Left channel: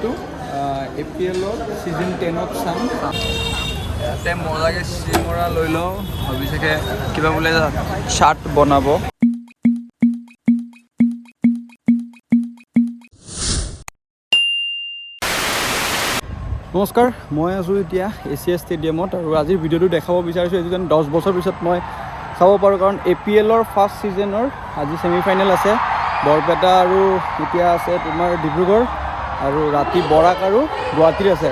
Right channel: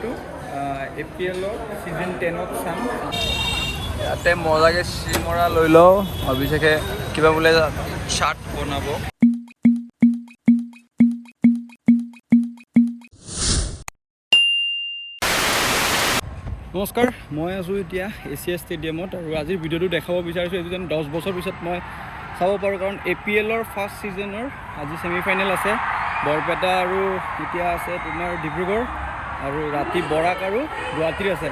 ভিডিঅ'টো APLৰ ছিজন 10ত চাম। ইয়াতে মজাকৈ চিমৰা লৈ লওঁ, অভিষেকে কিবা বোলে চাৰ্ট বনাব। নমস্কাৰ, মই আছোঁ এতিয়া এছিয়া ষ্টেডিয়ামত আৰু আজিৰ ভিডিঅ'টো দেখাব বিচাৰিছোঁ এইটো যেন 10 বছৰ পিছত মই চাব পাৰোঁ, কাৰণ APLৰ ফাৰ্ষ্ট ছিজনৰ আজি ছেমিফাইনেল আছে। বৰপেটা আৰু এতিয়া আছে তোমাৰ ডিব্ৰুগড়, আৰু ৰাতি বৰাক আৰু গুৱাহাটীৰ আছে।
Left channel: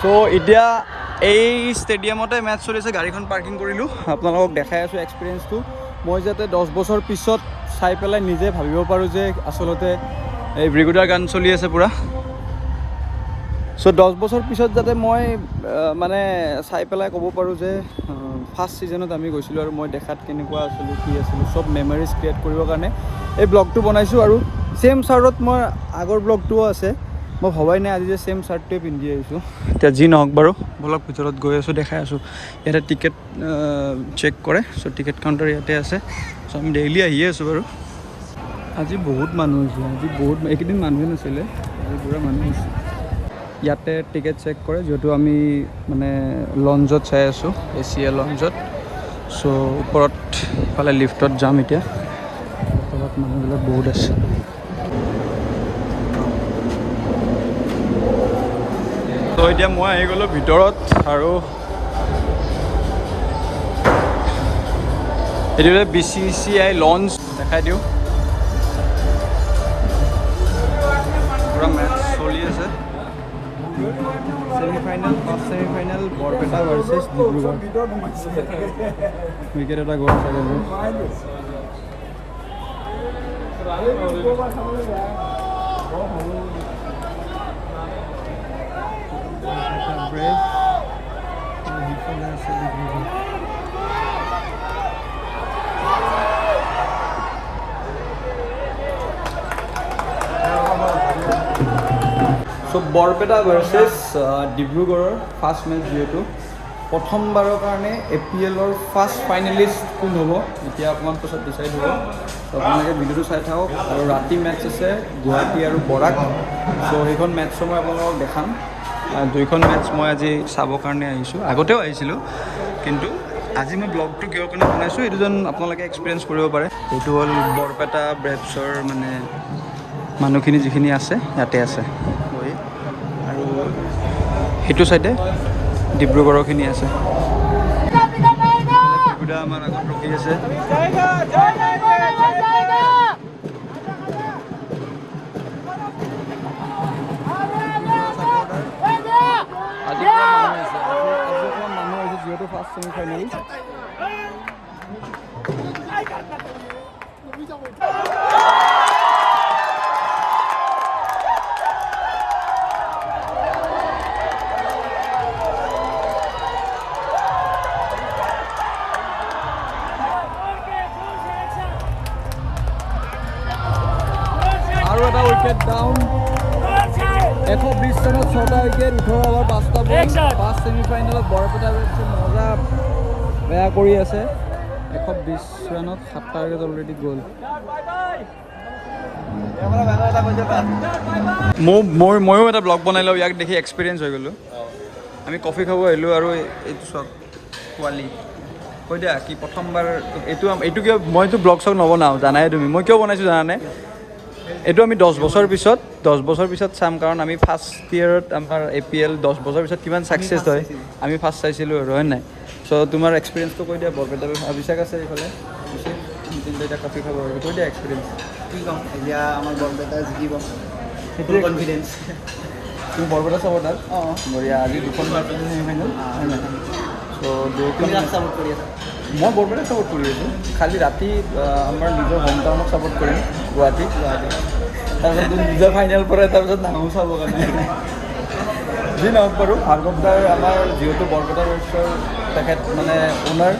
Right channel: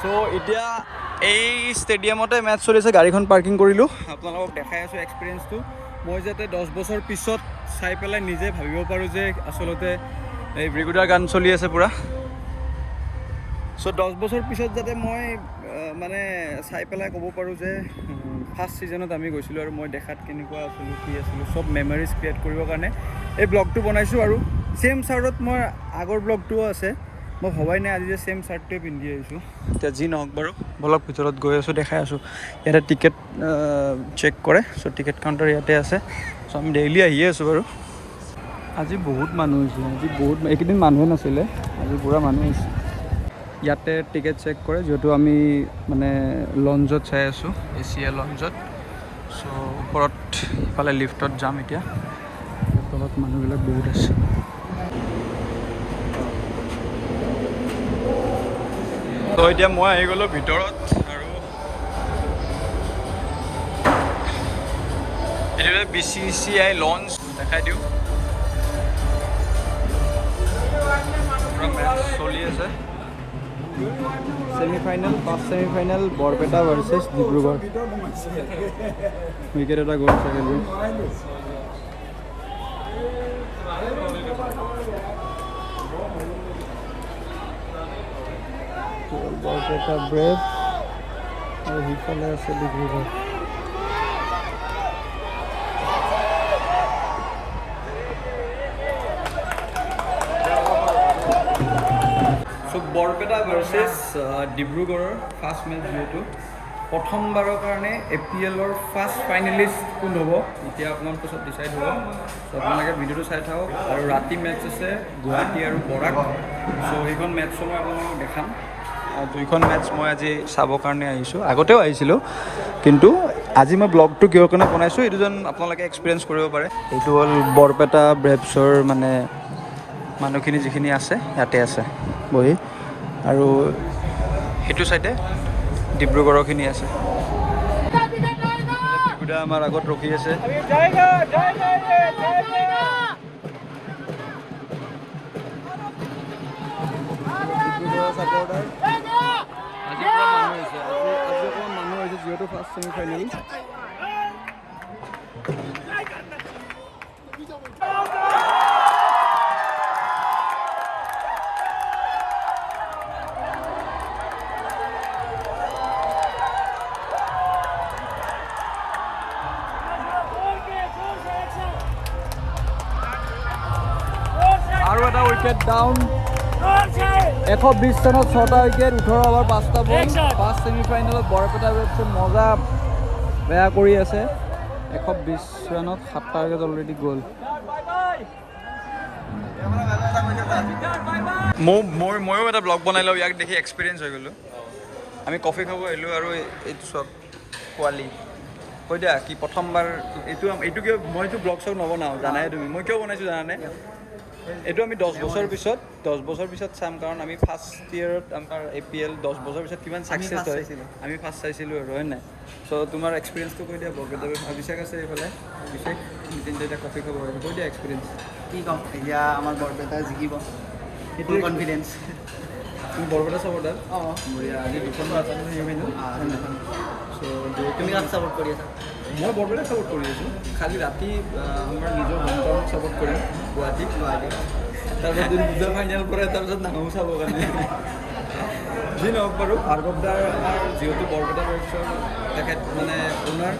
চ' এতিয়া এই ষ্টেডিয়ামতে মেটচ চলি আছে, গাড়ীখন পাৰ্কিং কৰিলোঁ, আপোনালোকক দেখাই আছোঁ এক্সপিৰিয়েঞ্চটো। মই যাতে 10 বছৰ পিছত চাই পেলাই নিজে ভাবিব পাৰোঁ যে আচলতে এই ব্ৰিগেডৰ গান চলি আছে পূৰা। চ' 10 বছৰ পিছত যাতে মই মানে চাই পেলাই ক'ব পাৰোঁ যে ফাৰ্ষ্ট ছিজনত আমি গৈছিলোঁ আৰু মই দেখাত কেনেকুৱা আছিলোঁ, কি আছিলোঁ, চব মেমৰিজ ক্ৰিয়েট কৰিবৰ কাৰণে এই ব্লগটো বনাইছোঁ। আৰু ছেইম শ্বাৰ্টত মই আগৰ ব্লগটোও আছে, মই ভবাই নাই আজি যে ছেইম শ্বাৰ্টটোৱে পিন্ধি আহিছোঁ। এতিয়া যি নহওক বাৰু, বলক ভিতৰত গৈ আছোঁ, দেখাই আছোঁ। ইয়াতে টিকেট চেক কৰে, চ' টিকেট কাউণ্টাৰ ইয়াতে আছে। চ' আমি ডেইলি আহিয়ে আছোঁ বাৰু। আজি বহুত মানুহ হৈছে, আজি বহুত, এইকেইদিন মানুহে নাছিলে, আজি পূৰা মানুহ হৈছে। ইয়াতে টিকেট চেক কৰে, যিহেতু আমি মানে লঞ্জত চাই আছোঁ, এছিয়া লঞ্জত। চ' ওপৰত ইফালে লিফ্টত যাম এতিয়া, তলত মানুহবিলাক বহুত আছে। ত' এতিয়া মই আহি গ'লোঁ ভিতৰত, আৰু এইটো BCCI লঞ্চ দেখাই দিওঁ। পূৰা মেটচ চলি আছে, semi-final, first semi-final Barpeta versus Dibrugarh. Wicket এটা গ'ল চাগে। বৰপেটা ব্ৰেভ আৰু সিফালে আছে ডিব্ৰুগড়। চ' বৰপেটা ভাৰ্চেছ ডিব্ৰুগড়ৰ ফাৰ্ষ্ট মেচ, যিহেতু প্ৰথমবাৰৰ কাৰণে APLৰ ফাৰ্ষ্ট ফাইনেলিষ্ট কোন হ'ব এতিয়া অকণমান পাছত ডিচাইড হ'ব। চ' আপোনালোকে ভিডিঅ'টো চাই থাকক। আৰু ৰাতি মেটচ আছে গুৱাহাটী আৰু বৰাক। চ' সেইখন মেটচো মই আপোনালোকক দেখাম। দুইখন মেটচ মই আজি চাবৰ কাৰণে আহিছোঁ, আগতেও আহিছিলোঁ, কিন্তু আজি মই ব্লগটো কিহৰ কাৰণে বনাইছোঁ এইটো যেন আপোনালোকে এক্সপিৰিয়েঞ্চ কৰিব পাৰে। এইটো হ'ল বৰপেটা ব্ৰেভছৰ মানে মানুহখিনি যিখিনি আছে ইয়াতে আছে বহি, আৰু সেইটো চাইডে ডিব্ৰুগড়ৰখিনি আছে। বিগুদা আমাৰ আগত ৰখি আছে। ছাপৰ্টাৰ আজি মানুহ হৈছে, মানুহ হৈছে যিহেতু ফাৰ্ষ্ট ছেমিফাইনেল। আৰু এটা উইকেট ডাউন। 120 ৰানত 6টা উইকেট, 18 অভাৰ 5টা বল। ফাৰ্ষ্ট ছেমিফাইনেলত বৰপেটা ব্ৰেভছে মজা বেয়া কৰি আছে। 120 ৰানত 7টা উইকেট অলৰেডি গ'ল। ময়ো এটা ব্লগ বনাই লওঁ, ইয়াক দেখি এক্সপিৰিয়েঞ্চ হৈ গ'লোঁ। আমি কফি খাব আহিলোঁ, আৰু এইটো চাওক পোৱালি। কৈ দিয়া কি প্ৰথমবাৰ এইটো কিয় মইতো ব্লগ চগ নবনাওঁ, জানাই তুমি। মই কিয় বনাইছোঁ জানানে? এইটো আমি 10 বছৰ পিছত চাম, কাৰণ আমি ফাৰ্ষ্ট ইয়েৰত আমাৰ APL 10 বছৰ পিছত কিমান ছাকচেছ হয় আমি ফাৰ্ষ্ট চাইছিলোঁ আৰু, হয় নাই? চ' তোমাৰ এক্সপিৰিয়েঞ্চটো কৈ দিয়া। বৰপেটা অভিষেক আছে এইফালে, অভিষেক আমি তিনিটা এতিয়া কফি খাব আহিলোঁ। কৈ দিয়া এক্সপিৰিয়েঞ্চ। কি ক'ম, এতিয়া আমাৰ বৰপেটা জিকিব, ফুল কনফিডেঞ্চ। তুমি বৰপেটা ছাপৰ্টাৰ? অঁ, বঢ়িয়া। আজি দুখন মেচ আছে ছেমিফাইনেল। চ' তুমি কাক ছাপৰ্ট কৰি আছা? মই বৰপেটাক ছাপৰ্ট কৰি আছোঁ, খালি ৰাতি আমাৰ নিজৰ হোম টাউনক ছাপৰ্ট কৰিম, গুৱাহাটী। তাৰপিছত নিজৰ ফাইনেল পৰে, তাৰপিছত নাহো চাবৰ কাৰণে। যি নহওক বাৰু, ভাৰ্গৱ দাৰ আমাৰ যিহেতু বৰপেটা ব্ৰেভছৰ তেখেত মানে অ'নাৰ,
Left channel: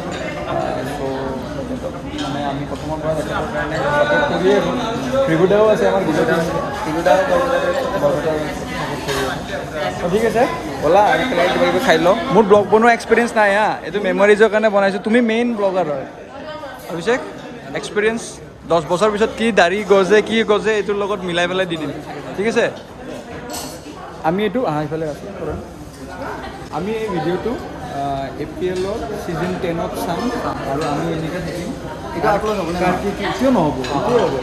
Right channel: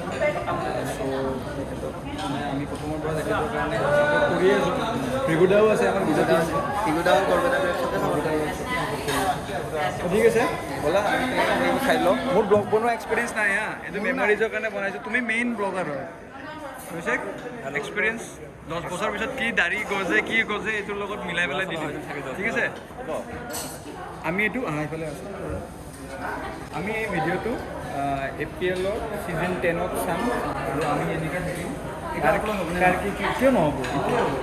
চ' তেখেতক মানে আমি প্ৰথমৰ পৰা তেখেতৰ কাৰণে ছাপৰ্ট কৰিয়ে আছোঁ। বিগুদাও আছে আমাৰ, বিগুদাও বৰপেটা ব্ৰেভছকে বৰপেটা ব্ৰেভছক ছাপৰ্ট কৰি আছোঁ। ঠিক আছে, ব'লা আৰু কিবা খাই লওঁ। মোৰ ব্লগ বনোৱা এক্সপিৰিয়েঞ্চ নাই হা, এইটো মেমৰিজৰ কাৰণে বনাইছোঁ। তুমি মেইন ব্লগাৰ হয় অভিষেক, এক্সপিৰিয়েঞ্চ 10 বছৰ পিছত কি দাড়ি গজে, কি গজে, এইটোৰ লগত মিলাই পেলাই দি দিম, ঠিক আছে? আমি এইটো এইফালে আছোঁ আমি এই ভিডিঅ'টো APL-ৰ ছিজন 10ত চাম আৰু আমি এনেকৈ থাকিম কাৰ কি কি কিয় নহ'ব এইটোৱে হ'ব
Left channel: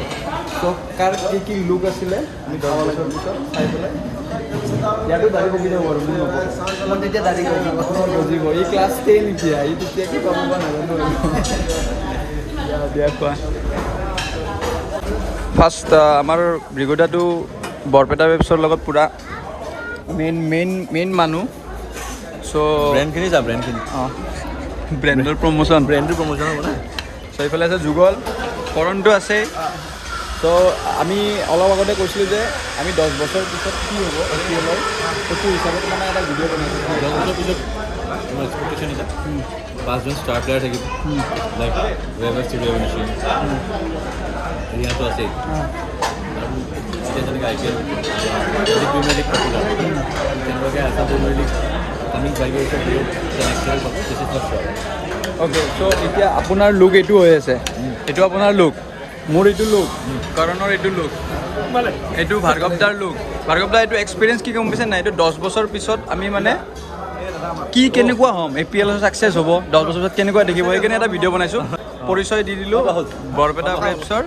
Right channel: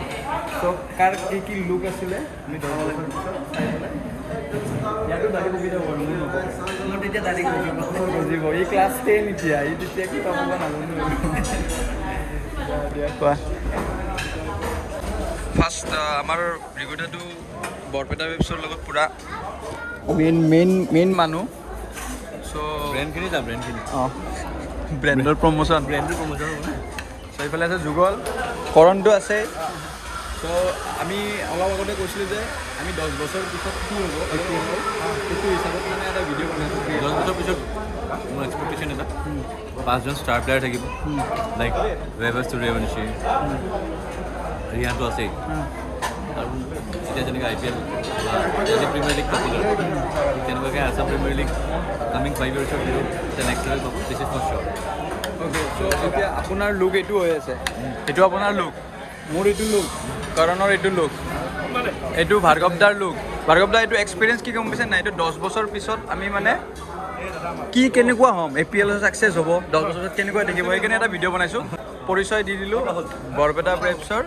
চ' কাৰ কি কি লুক আছিলে আমি 10 বছৰ পিছত চাই পেলাই ইয়াতো দাড়ি পকি যাব বাৰু মোৰ নপকে মোৰ তেতিয়া দাড়ি গজিব গজিব ই ক্লাছ 10 এতিয়া ই তেতিয়া কি পাব বা নাজানো দিয়া কোৱা ফাৰ্ষ্ট আমাৰ ব্ৰিগেডাটো বৰপেটা ৱেবছৰ লগত পূৰা মেইন মানুহ চ' ব্ৰেণ্ডখিনি যা ব্ৰেণ্ডখিনি অঁ ব্ৰেণ্ডৰ প্ৰমোশ্যন ব্ৰেণ্ডৰ প্ৰমোশ্যন হ'ব না চ' এইফালে আছে যুগল কৰণটো আছেই চ' আমি অলপ আগতে কৈছিলোঁ যে আমি 10 বছৰ পিছত কি হ'ব APL-ৰ সেইটো হিচাপত মানে এটা ভিডিঅ' বনাইছোঁ 10 বছৰ পিছত মোৰ এক্সপেক্টেশ্যন এটা 5জন ষ্টাৰ প্লেয়াৰ থাকিব লাইক ৱেভাৰ সূৰ্যবংশী ৰিয়াটো আছেই আৰু এতিয়া যেনেকৈ IPL আজি প্ৰিমিয়াৰ লীগ পপুলাৰ তেনেকুৱাকৈ আছাম প্ৰিমিয়াৰ লীগ কামিং 5 yearsৰ ভিতৰত এটা নেক্সট লেভেল পাব this is not sure okay so' এতিয়া আপোনাৰ লুক এইটো হৈ আছে এইটো আপোনাৰ লুক মোৰ এইটো লুক কৰণৰ এইটো লুক এইটো ভাৰ্গৱদাৰ লুক ভাৰ্গৱদা এইটো এক্সপিৰিয়েঞ্চ কি গম পাইছে নাই এইটো 10 বছৰ পিছত আমি মানে কি কেনেকুৱা হ'ম APL ছাকচেছ হ'ব 10 বছৰ পিছত কেনেকুৱা দেখিব সেইকাৰণে এটা ভিডিঅ' বনাইছোঁ পৰিচয় দি দিলোঁ বৰপেটা ব্ৰেভছৰ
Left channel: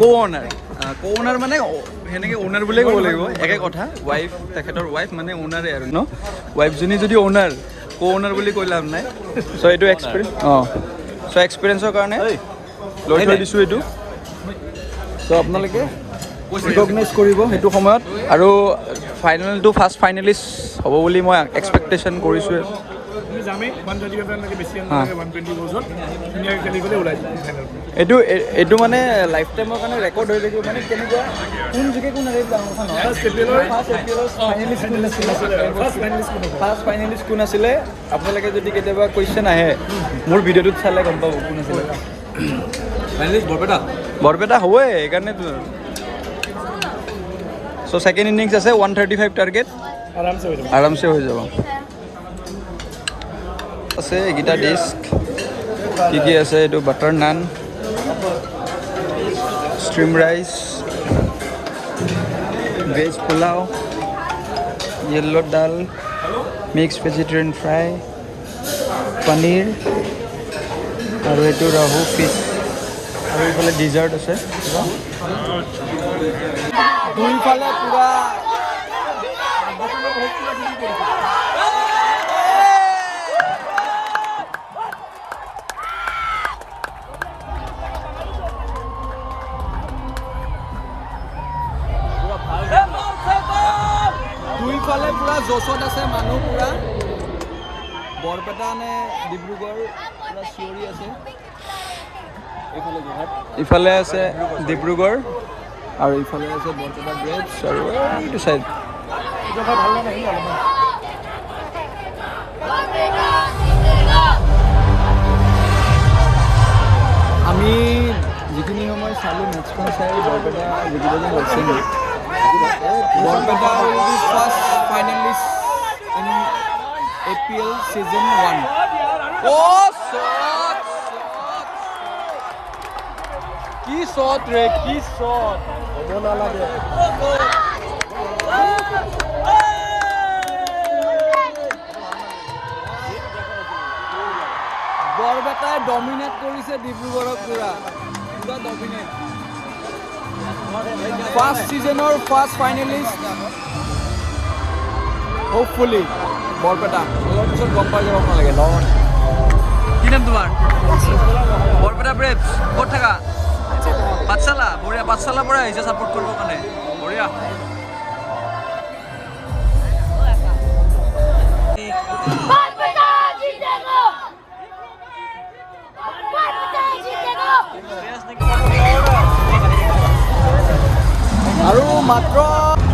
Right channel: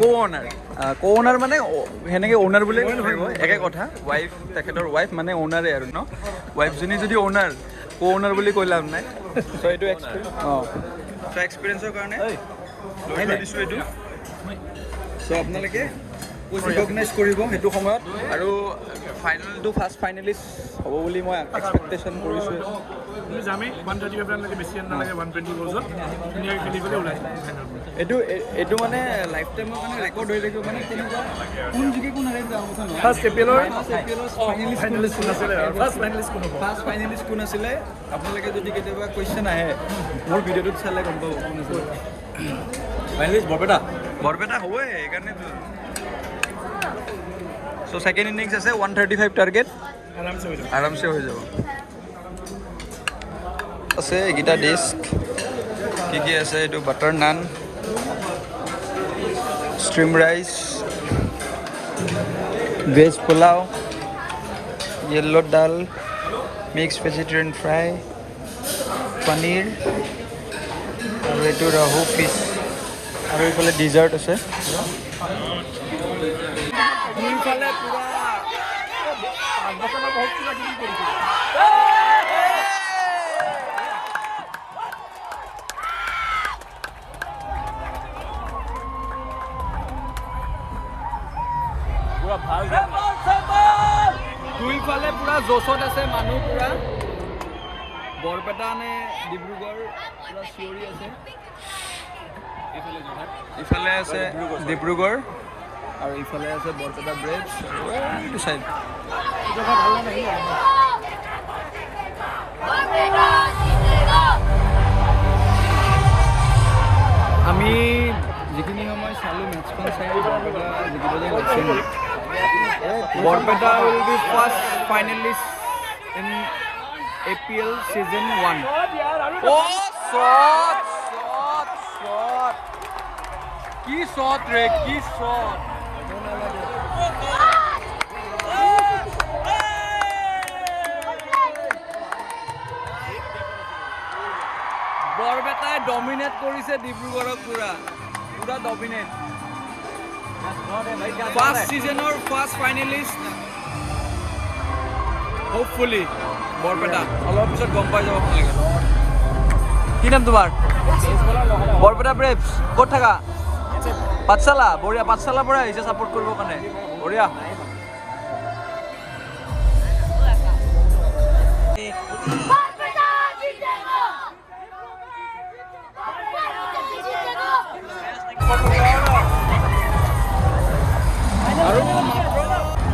কো অ'নাৰ মানে সেনেকৈ অ'নাৰ বুলিয়ে ক'ব লাগিব একে কথা ৱাইফ তেখেতৰ ৱাইফ মানে অ'নাৰে আৰু ন ৱাইফজনী যদি অ'নাৰ কো অ'নাৰ বুলি কৈ লাভ নাই চ' এইটো চ' এক্সপিৰিয়েঞ্চৰ কাৰণে লৈ থৈ দিছোঁ এইটো চ' আপোনালোকে ৰিকগনাইজ কৰিব সেইটো সময়ত আৰু ফাইনেলটো ফাৰ্ষ্ট ফাইনেলিষ্ট হ'ব বুলি মই এক্সপেক্টেশ্যন কৰিছোঁ আমি যামেই 135 ৰানলৈকে বেছি ৰান নালাগে 120 বলত ধুনীয়াকৈ খেলি গ'লে ওলাই এইটো মানে লাইফ টাইমৰ কাৰণে ৰেকৰ্ড হৈ থাকিব মানে কেনেকুৱা কোন জিকে কোন আহে ডাঙৰ কথা নহয় ফাৰ্ষ্ট APL-ৰ ফাৰ্ষ্ট ফাইনেলিষ্ট কোন আছিলে আপোনালোকে যদি কেতিয়াবা কুৱেশ্যন আহে মোৰ ভিডিঅ'টোত চালে গম পাব কোন আছিলে ফাইনেলিষ্ট বৰপেটা হ'বই সেইকাৰণেতো চ' ছেকেণ্ড ইনিংছ আছে 135 টাৰ্গেট আৰামছে হৈ যাব আছে এইকেইটা ডিস্ক কি আছে এইটো butter naan steam rice veg pulao yellow dal mix vegetarian fry paneer আৰু এইটো ৰাহু ফিছ আৰু এইফালে ডিজাৰ্ট আছে দুইফালে পুৰা দুইফালে পুৰা জচত আছে মানুহ পুৰা বৰপেটা নে ডিব্ৰুগড় পুৰা চিঞৰি আছে এইফালে যোৰহাট ইফালে আছে ডিব্ৰুগড় আৰু ইফালে আছে বৰপেটা ব্ৰেভছ আৰু এইটো চাইড আমি যিখিনি সময় চালোঁ মেটচখন চাই বৰপেটা জিকিব যেন লাগিছে মোৰ Barpeta will be first finalist in APL season 1 কি শ্বট ৰে কি শ্বট বৰপেটাই ডমিনেট কৰিছে ডিব্ৰুগড়ক পুৰা ডমিনেট ফাৰ্ষ্ট ছিজনৰ ফাৰ্ষ্ট ফাইনেলিষ্ট হোপফুলি বৰপেটা অলপ পিছত গম পাই যাব আপোনালোকে কি নাম তোমাৰ বৰপেটা ব্ৰেভছ ক'ত থাকা পাঠশালা বঢ়িয়া পাঠশালাৰ পৰা আহিছে ছাপোৰ্ট কৰিবৰ কাৰণে বঢ়িয়া আৰু মাত্ৰ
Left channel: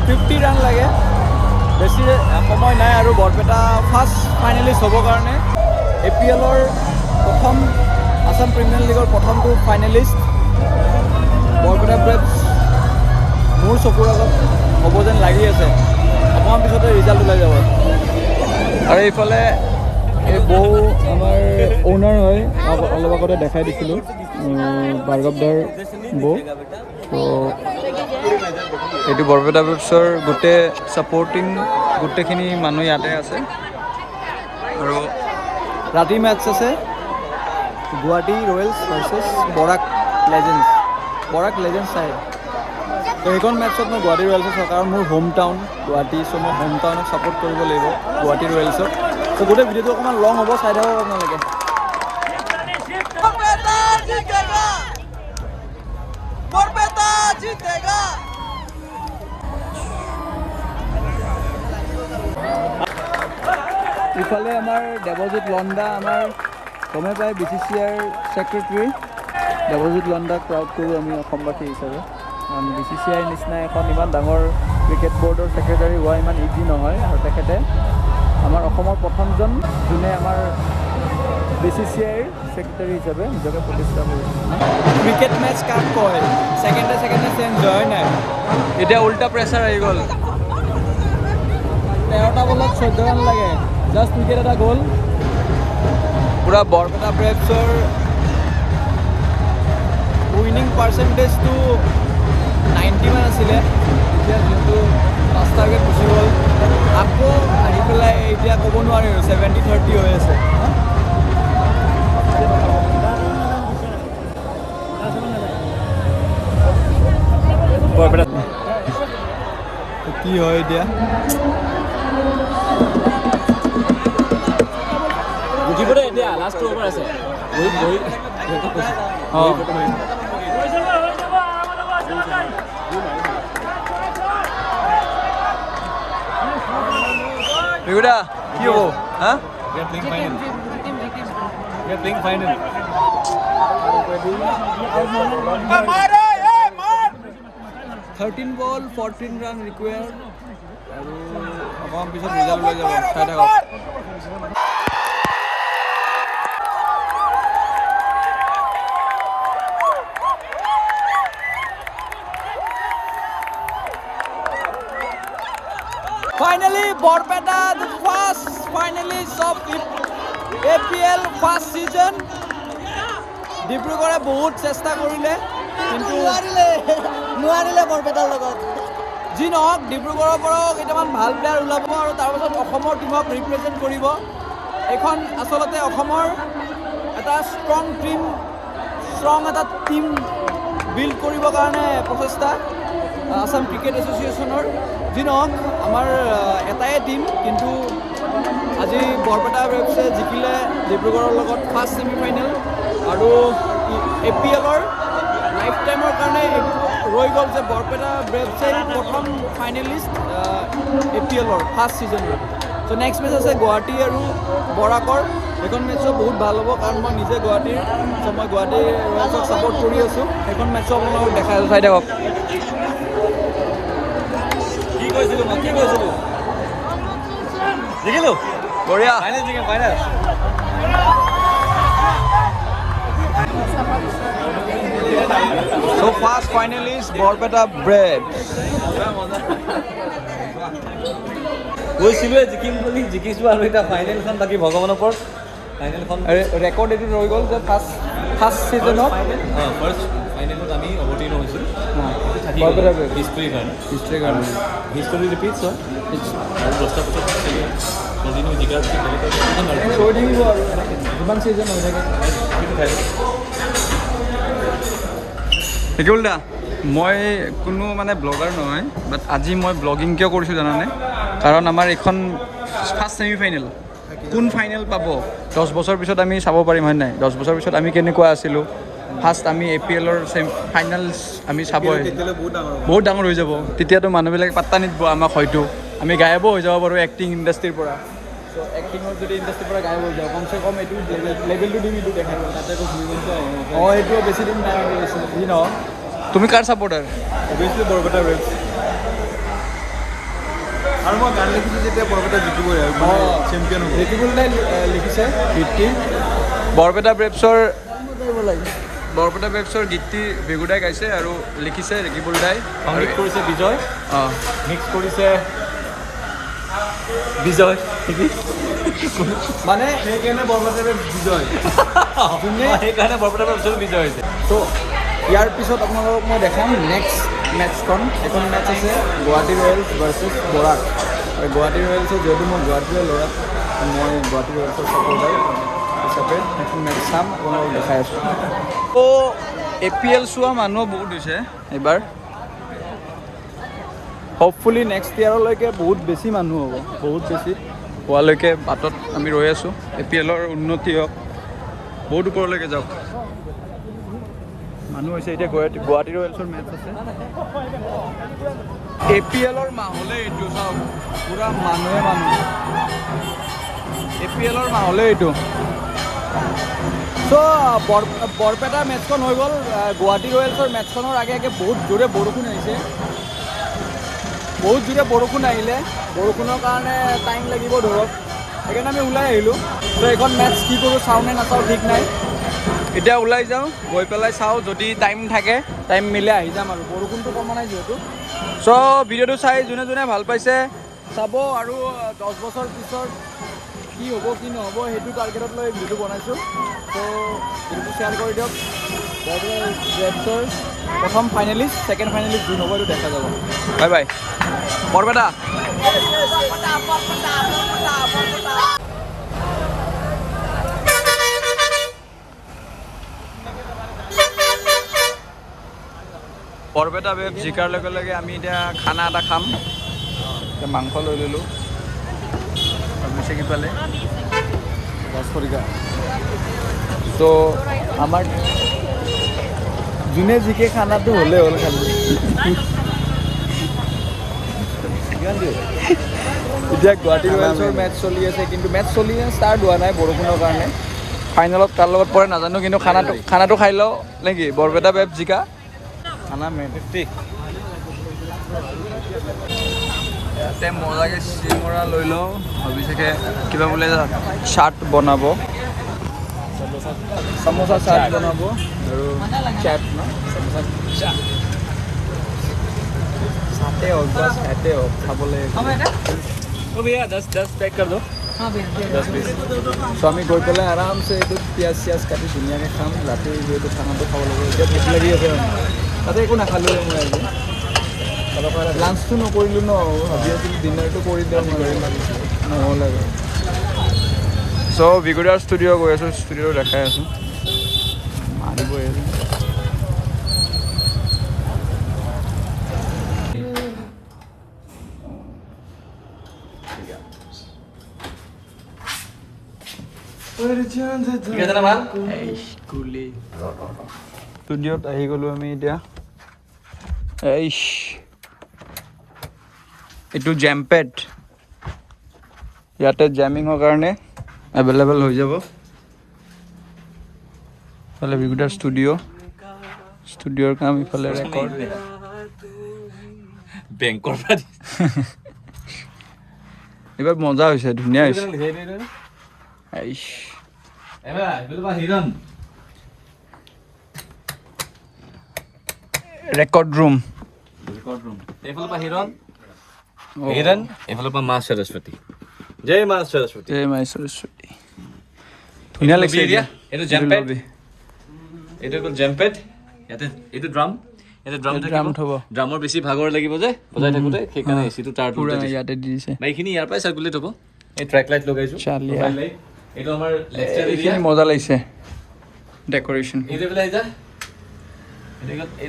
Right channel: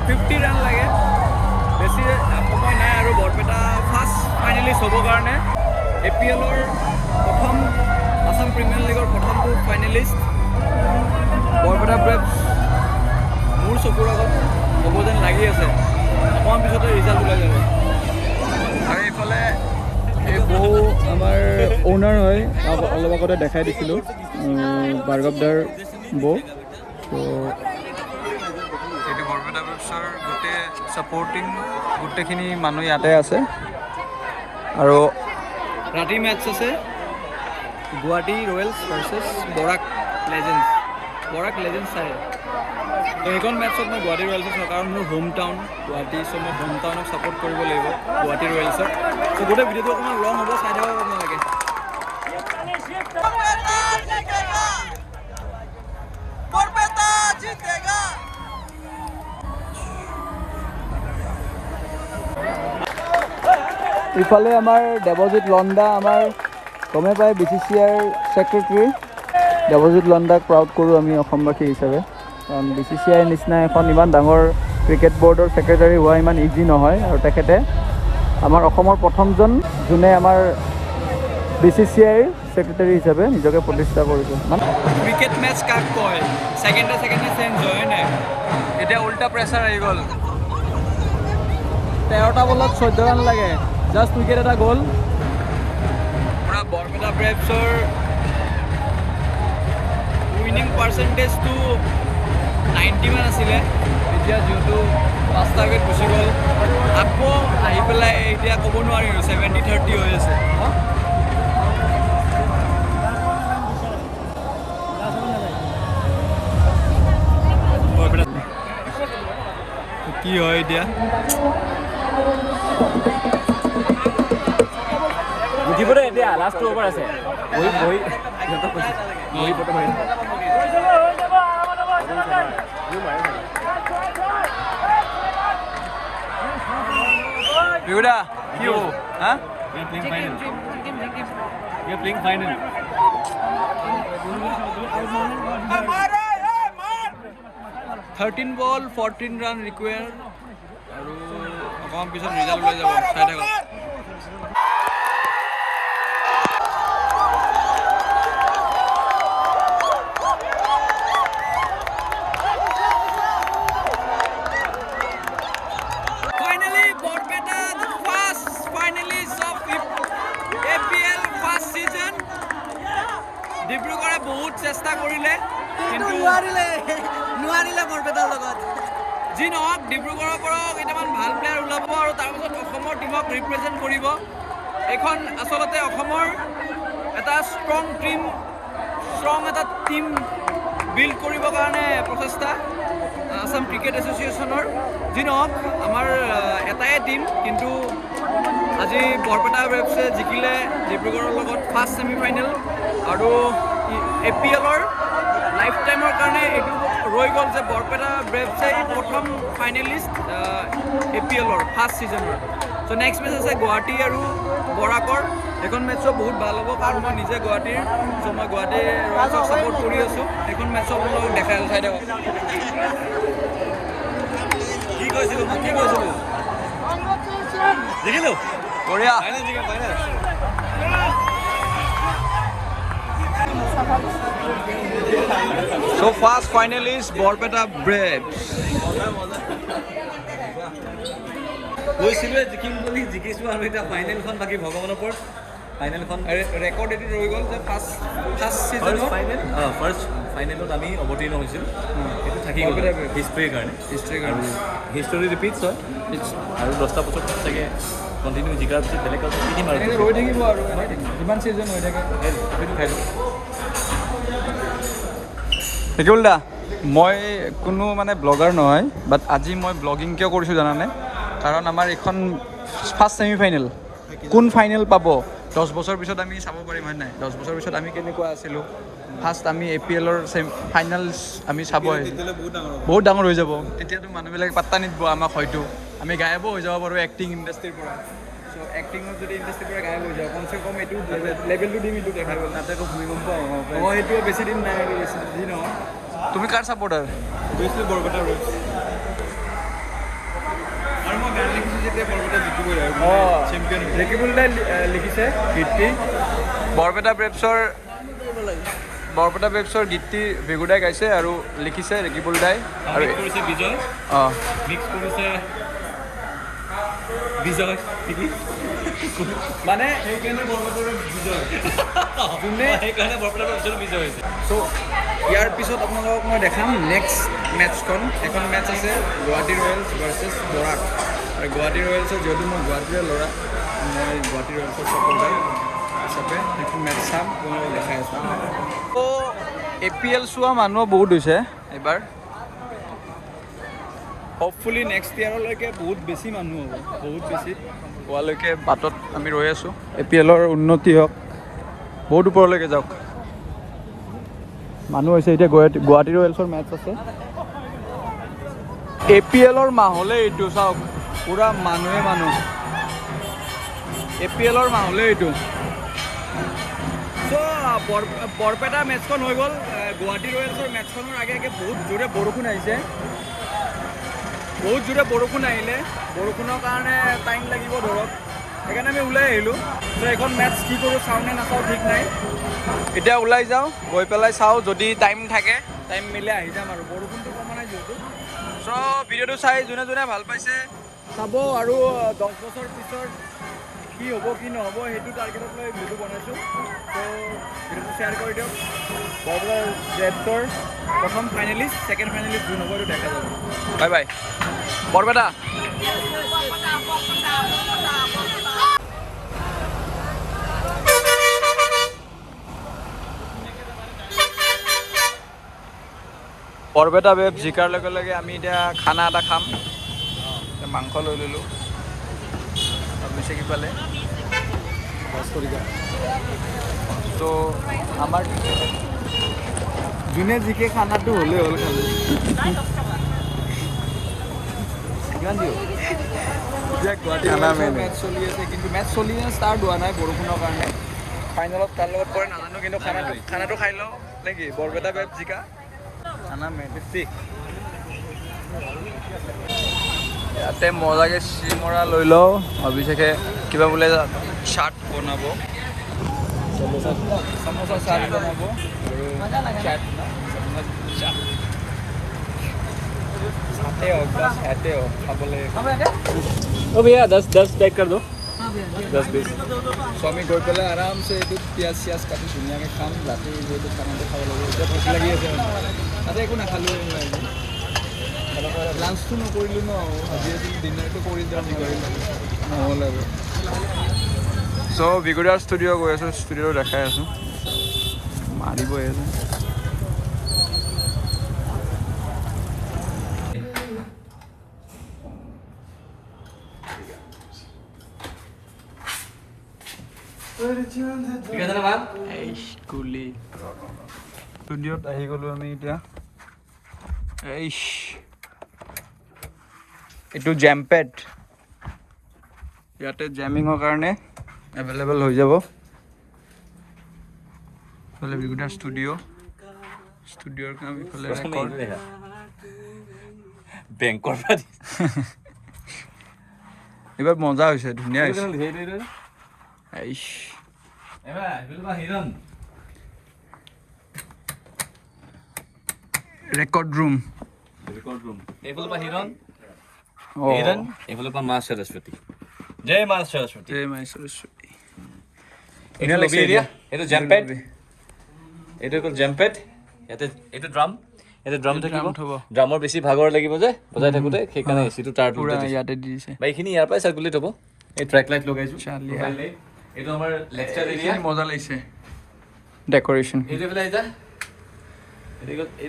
50 ৰান লাগে বেছি সময় নাই আৰু বৰপেটা ফাৰ্ষ্ট ফাইনেলিষ্ট হ'বৰ কাৰণে APL-ৰ প্ৰথম আছাম প্ৰিমিয়াৰ লীগৰ প্ৰথমটো ফাইনেলিষ্ট বৰপেটা ব্ৰেভছ মোৰ চকুৰ আগত হ'ব যেন লাগি আছে অকণমান পিছতে ৰিজাল্ট ওলাই যাব আৰু এইফালে এই বৌ আমাৰ অ'নাৰ হয় অলপ আগতে দেখাই দিছিলোঁ ভাৰ্গৱদাৰ বৌ ত' এইটো বৰপেটা ব্ৰেভছৰ গোটেই ছাপৰ্টিং গোটেইখিনি মানুহ ইয়াতে আছে আৰু ৰাতি মেটছ আছে গুৱাহাটী ৰয়েলছ ভাৰ্চেছ বৰাক লেজেণ্ডছ চাইড। তো সেইখন মেটছত মই গুৱাহাটী ৰয়েলছক চাওঁ কাৰণ মোৰ হোম টাউন গুৱাহাটী, চ' মই হোম টাউনক ছাপোৰ্ট কৰিব লাগিব গুৱাহাটী ৰয়েলছক। চ' গোটেই ভিডিঅ'টো অকণমান লং হ'ব, চাই থাকক আপোনালোকে। ইফালে আমাৰ দেৱজিৎ লণ্ডা, আমাৰ গমে পায় BCCIৰ ছেক্ৰেটেৰী দেৱজিৎ লণ্ডাক প্ৰাউড কৰোঁ আমি অসমবাসী হিচাপে, কাৰণ BCCIৰ নিচিনা এখন ইমান ডাঙৰ ক্ৰিকেট বৰ্ডৰ ছেক্ৰেটাৰী হোৱা ইমান ইজি নহয়, আৰু তেখেতে আমাৰ অসমৰ প্ৰথমজন যোনে আমাৰ BCCIৰ ছেক্ৰেটাৰী হিচাপে নিজকে প্ৰতিষ্ঠা কৰিছে। ক্ৰিকেট মেটচ কাক কয়, ছেকেণ্ডে চেঞ্জ হয় নাই, এতিয়া উল্টা প্ৰেছাৰ আহি গ'ল। 13টা বলত 14 ৰান লাগে, জাষ্ট উইকেট এটা গ'ল। পূৰা বৰপেটা ব্ৰেভছৰ উইনিং পাৰ্চেণ্টেজটো 90 মান আছিলে, এতিয়া যিহেতু 5টা উইকেট গুচি গ'ল, আকৌ আহি পেলাই এতিয়া ক'ব নোৱাৰি আৰু 70-30 হৈ আছে। কি হয় এতিয়া বুজিবলৈ এতিয়া লাষ্ট অভাৰ আছে। বিহুদা কি হ'ব হা? We are playing final. 13 ball 14 run required, আৰু অকণমান পিছত ৰিজাল্ট ওলাই যাব, চাই থাকক। Finally, Borpeta, the first finalist of APL first season. ডিব্ৰুগড়ে বহুত চেষ্টা কৰিলে কিন্তু নোৱাৰিলে বৰপেটাৰ লগত। যি নহওক, ডিব্ৰুগড়ৰ পৰাও কেইটামান ভাল প্লেয়াৰ ওলাব আৰু তাৰপাছত অসমৰ টীমক ৰিপ্ৰেজেণ্ট কৰিব। এইখন আচলতে অসমৰ এটা ষ্ট্ৰং এটা টীম বিল্ড কৰিবৰ কাৰণে প্ৰচেষ্টা আসাম ক্ৰিকেট এছ'চিয়েশ্যনৰ। যি নহওক, আমাৰ এটাই টীম, কিন্তু আজি বৰপেটা ব্ৰেভছে জিকিলে ডিব্ৰুগড়ৰ লগত ফাৰ্ষ্ট ছেমিফাইনেল, আৰু APLৰ লাইফ টাইমৰ কাৰণে এইটো ৰৈ গ'ল যে বৰপেটা ব্ৰেভছেই প্ৰথম ফাইনেলিষ্ট APLৰ ফাৰ্ষ্ট ছিজনৰ। চ' নেক্সট মেচ আছে গুৱাহাটী আৰু বৰাকৰ। সেইখন মেটছো বহুত ভাল হ'ব, কাৰণ মই নিজে গুৱাহাটীৰ, চ' মই গুৱাহাটী ৰয়েলছক ছাপোৰ্ট কৰি আছোঁ। সেইখন মেটছো আপোনালোকক দেখাই আছোঁ, চাই থাকক। কি কৈছিলোঁ জিকিলোঁ, বঢ়িয়া। So first finalist Borpeta Braves. কৈছিলোঁ জিকিম বুলি, জিকিছোঁ আৰু এতিয়া ফাইনেলখন বাকী ভগৱানৰ ওপৰত। ফাইনেলখন ৰেকৰ্ড এইটো ৰৈ গ'ল যে ফাৰ্ষ্ট ছিজনত ফাৰ্ষ্ট ফাইনেলত আমি অৱতীৰ্ণ হৈছিলোঁ। সেইটো থাকি বৰপেটা গ'ল Braves। হিষ্ট্ৰীৰ কাৰণে, আৰু আৰু হিষ্টৰী ৰিপিটছ হয়, আৰু 10টা বছৰ চাগে কণ্টিনিউ জিকাৰ পিছত বেলেগ আৰু শিকিম আৰু এনেকৈ ৰৈ থাকিব, আৰু এনেকৈ যিমান ছিজন হৈ থাকে। সেইটো খাইছোঁ। শিকিবুল দা, মই কোনো মানে ব্লগাৰ নহয়, বাট আজি মই ব্লগিং কিয় কৰিছোঁ জানানে? কাৰণ আমাৰ এইখন ফাৰ্ষ্ট ছেমিফাইনেল, কোন ফাইনেল পাব 10 বছৰ পিছত আমি চাব পাৰিম, হয় নাই? 10 বছৰ পিছত আমি কেনেকুৱা আছিলোঁ, ফাৰ্ষ্ট আমি APLৰ ফাইনেলছ আমি চাব বহুত ডাঙৰ হৈ যাব। তেতিয়াতো মানুহবিলাকে পাত্তা নিদিব আমাক, হয়তো আমি গায়বো হৈ যাব পাৰোঁ এক্টিং ইণ্ডাষ্ট্ৰীৰ পৰা। চ' এক্টিঙৰ যদি ইণ্ডাষ্ট্ৰীৰ পৰা গায়ব হৈ যাওঁ, কমচে কম এইটো লেভেলটো দিম, এইটো দেখাই গ'ল। তাতে আকৌ ভূমিকম্প এইটো বেছি দিন নাই গৈছোঁ। যি নহওক, তুমি কাৰ ছাপোৰ্টাৰ? অভিয়াছলি বৰপেটা ব্ৰেভছ। আৰু মই গান লিখিছোঁ যেতিয়া বৰপেটা জিকিবই আৰু চেম্পিয়ন ৰেকিবুল দাই লিখিছে গীতটি। বৰপেটা ব্ৰেভছৰ গীতটি ভেগুদাই গাইছে আৰু লিখিছে ৰেকিবুল দাই, আৰু কৰিছে বিজয়, মিক্স কৰিছে বিজয় মানে সেইকাৰণে বৰপেটা ব্ৰেভছ বিজয়। যোনে সেইকাৰণে বৰপেটা ব্ৰেভছৰ বিজয় হৈছে। ত' ইয়াৰ পিছত আপোনালোকক মই দেখাম নেক্সট মেটছখন। এখন মেটছ আছে গুৱাহাটী ৰয়েলছ ভাৰ্চেছ বৰাক। আৰু গুৱাহাটী ৰয়েলছৰ যিহেতু মই গুৱাহাটীৰে ল'ৰা, মই গুৱাহাটী ৰয়েলছৰ ছাপৰ্টাৰ হিচাপে এখন মেটচ চাম, আপোনালোকক দেখাই আছোঁ। ত' APL চোৱা মানুহ বহুত হৈছে এইবাৰ। হ'পফুলি নেক্সট ইয়াৰলৈকে বহুত বেছি মানুহ হ'ব, বহুত বেছি হোৱালৈকে বাটত আমি ৰৈ আছোঁ। APLৰ উন্নতি হওক, বহুত ওপৰলৈকে যাওক। মানুহ হৈছে এতিয়া গুৱাহাটী ৰয়েলছৰ মেটচ আছে। APLৰ মাহলে এইটো চাওক, পুৰা মানুহে মানুহ। APLৰ মাহলে এইটো। চ' বৰপেটা মেটচখন হৈ গ'ল। গুৱাহাটী ৰয়েলছৰ মেটচখনৰ আগে আগে বহুত জোৰে বৰষুণ আহিছে। বহুত জোৰে বৰষুণ আহিলে, বৰষুণৰ কাৰণে টাইম লাগিব ধৰক, সেইকাৰণে আমি ওলাই আহিলোঁ। ত' এইখন মেটচ কি কৰোঁ, চাওঁ নে নাচাওঁ ঠিক নাই। এতিয়া ওলাই যাওঁ, গৈ পেলাই চাওঁ, যদি টাইম থাকে টাইম মিলাই আহি যাম আৰু। বৰষুণটো কমা নাই যিহেতু। চ' ভিডিঅ'টো চাই যোনে যোনে ভাল পাইছে চাব, আৰু 10 বছৰ পিছত কি হ'ব কি নহ'ব সেইটো টাৰ্গেটত লৈ ভিডিঅ'টো বনাইছোঁ। ত' ভিডিঅ'টো শ্বেয়াৰ কৰি দিয়ক। বৰপেটা ৰেডছৰ প্ৰথম ফাইনেলিষ্ট, ছেকেণ্ড ফাইনেলিষ্ট যোন হ'ব এইটো দেখা যাব। Bye bye Barpeta. বৰপেটা বেব জিকাৰ লগে লগে আমি এতিয়া খানা এটা খাম। এতিয়া মাংস লৈ ল'লোঁ, অভিষেক ইফালে ৰাজখৰিকা। ত' আমাৰ যোনে জিকে খানাটো হ'লেই হ'ল খালি। এতিয়া গুৱাহাটী ৰয়েলছৰ মেটচ চলি আছে, কিন্তু মেটচ চলি ষ্টাৰ্ট হোৱা নাই বৰষুণৰ কাৰণে। ফাইনেলত কাৰ লগত পৰে নাজানো, কিন্তু খানাটো খাই লওঁ নেকি? বৰপেটা বেব জিকা খানা মেটিক। ইয়াতে মজাকৈ চিঙৰা লৈ লওঁ। অভিষেকে কিবা বোলে চাট বনাব, চামোচা চাট বনাব আৰু চাট ন, চাটে হওক বা চাটে হওক খাবলৈ। ओ भैया 10 पैक कर दो। 10 पीस। চ' আমি গৈ পেলাই আৰামছে এইটোত পিঁয়াজ চিয়াজ কাটি ধুনীয়াকৈ খাম। ৰাতি যিহেতু খানাটো খাব লাগিব, এতিয়া ভোক লাগি আছে। তাতে একো নাখালোঁ মই আজি, লাঞ্চটো নকৰিলোঁ ন, ভাবি আছিলোঁ ডিনাৰটো কৰি দিওঁ নহ'ল আৰু। চ' ভিগুদাৰ ষ্টুডিঅ' গৈ আছোঁ, ষ্টুডিঅ'টো দেখাই আছোঁ, মাৰিবই আছে। ষ্টুডিঅ'ত আহি গ'লোঁ আমি এতিয়া। এইটো জেমপেড, ইয়াতে জেমিঙৰ কাৰণে এভেইলেবল হৈ যাব। ইফালে ভিগুদাৰ ষ্টুডিঅ'ৰ কাম, ইফালে ৰেকৰ্ড। বেংকৰ পৰা এইবাৰ মজা হৈছে, ধুনীয়া হৈছে। Record room. এইফালৰ পৰা হিৰণ, এইফালৰ পৰা মা সৰস্বতী। জয় মা সৰস্বতী। জয় মা সৰস্বতী। ধুনীয়া লাগিছে এতিয়া। এইটো জেমপেড, এইটো হ'ল জেমপেড। ইয়াতে এইটো ড্ৰাম, এইটো ড্ৰাম থ'ব। ড্ৰামৰ বেছি ভাগৰ লাগিব যে বজাই থাকোঁতে, সেইকাৰণে এচিটো তাৰ পুৰা ইয়াতে দি দিছে। বা এইখিনি ইয়াৰ পৰাই চাৰ্কুলেট হ'ব। এই ট্ৰেক লাইট লগাইছোঁ। চালিয়া। এইটো আমাৰ লেকচাৰ এৰিয়া। এইখিনি মজা লাগিছে ডেক'ৰেশ্যন। এইটো পেলাই যা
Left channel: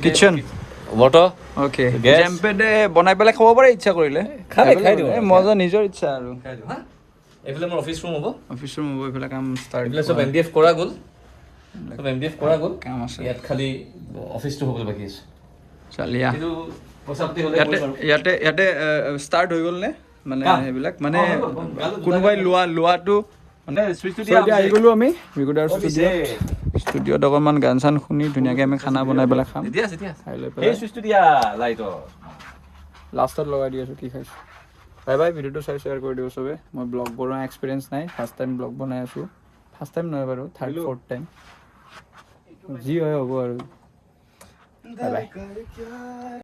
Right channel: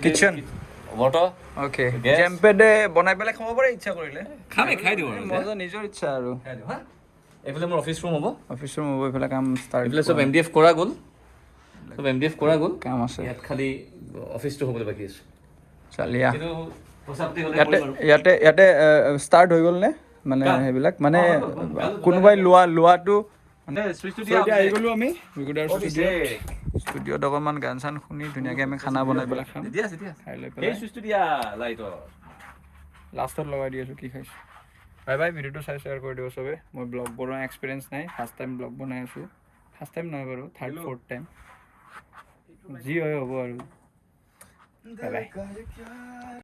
কিটচেন। Water okay, Gas. জেমপেডে বনাই পেলাই খাব পাৰে ইচ্ছা কৰিলে। খাই দিওঁ আৰু। মজা, নিজৰ ইচ্ছা আৰু। এইফালে মোৰ অফিচ ৰুম হ'ব। অফিচ ৰুম হ'ব, এইফালে কাম ষ্টাৰ্ট। এইফালে চব MDF কৰা গ'ল, চব MDF কৰা গ'ল। কাম আছে ইয়াত খালি অফিচটো হ'বলৈ বাকী আছে। চালিয়া। এইটো পইচা পাতি হ'লে ইয়াতে কৰিম আৰু। ইয়াতে ষ্টাৰ্ট হৈ গ'ল নে মানে কাম? সেইবিলাক মানে হৈ গ'ল। কোনোবাই লোৱাটো মানে। switch টো So, দিয়া এতিয়া আহি আছে। গ'লোঁ আমি ভিগুদাৰ ষ্টুডিঅ'ত অকণমান গান চান শুনি ধুনীয়াকৈ আমি খানা বনাই পেলাই খাম। দিয়া আছে, দিয়া আছে। খাই লৈ সেই পেলাই চুইচটো দিয়া লাইটৰ। লাষ্টত লগাই দি আছোঁ কি খাইছোঁ। বাই বাই, ভিডিঅ'টো চাই শ্বেয়াৰ কৰি দিব চবে। মই ব্লগ বনোৱা এক্সপিৰিয়েঞ্চ নাই, ফাৰ্ষ্ট টাইম ব্লগ বনাই আছোঁ। ফাৰ্ষ্ট টাইম নহয় বাৰু, থাৰ্ড ফ'ৰ্থ টাইম, যি হয় হ'ব আৰু। Bye bye.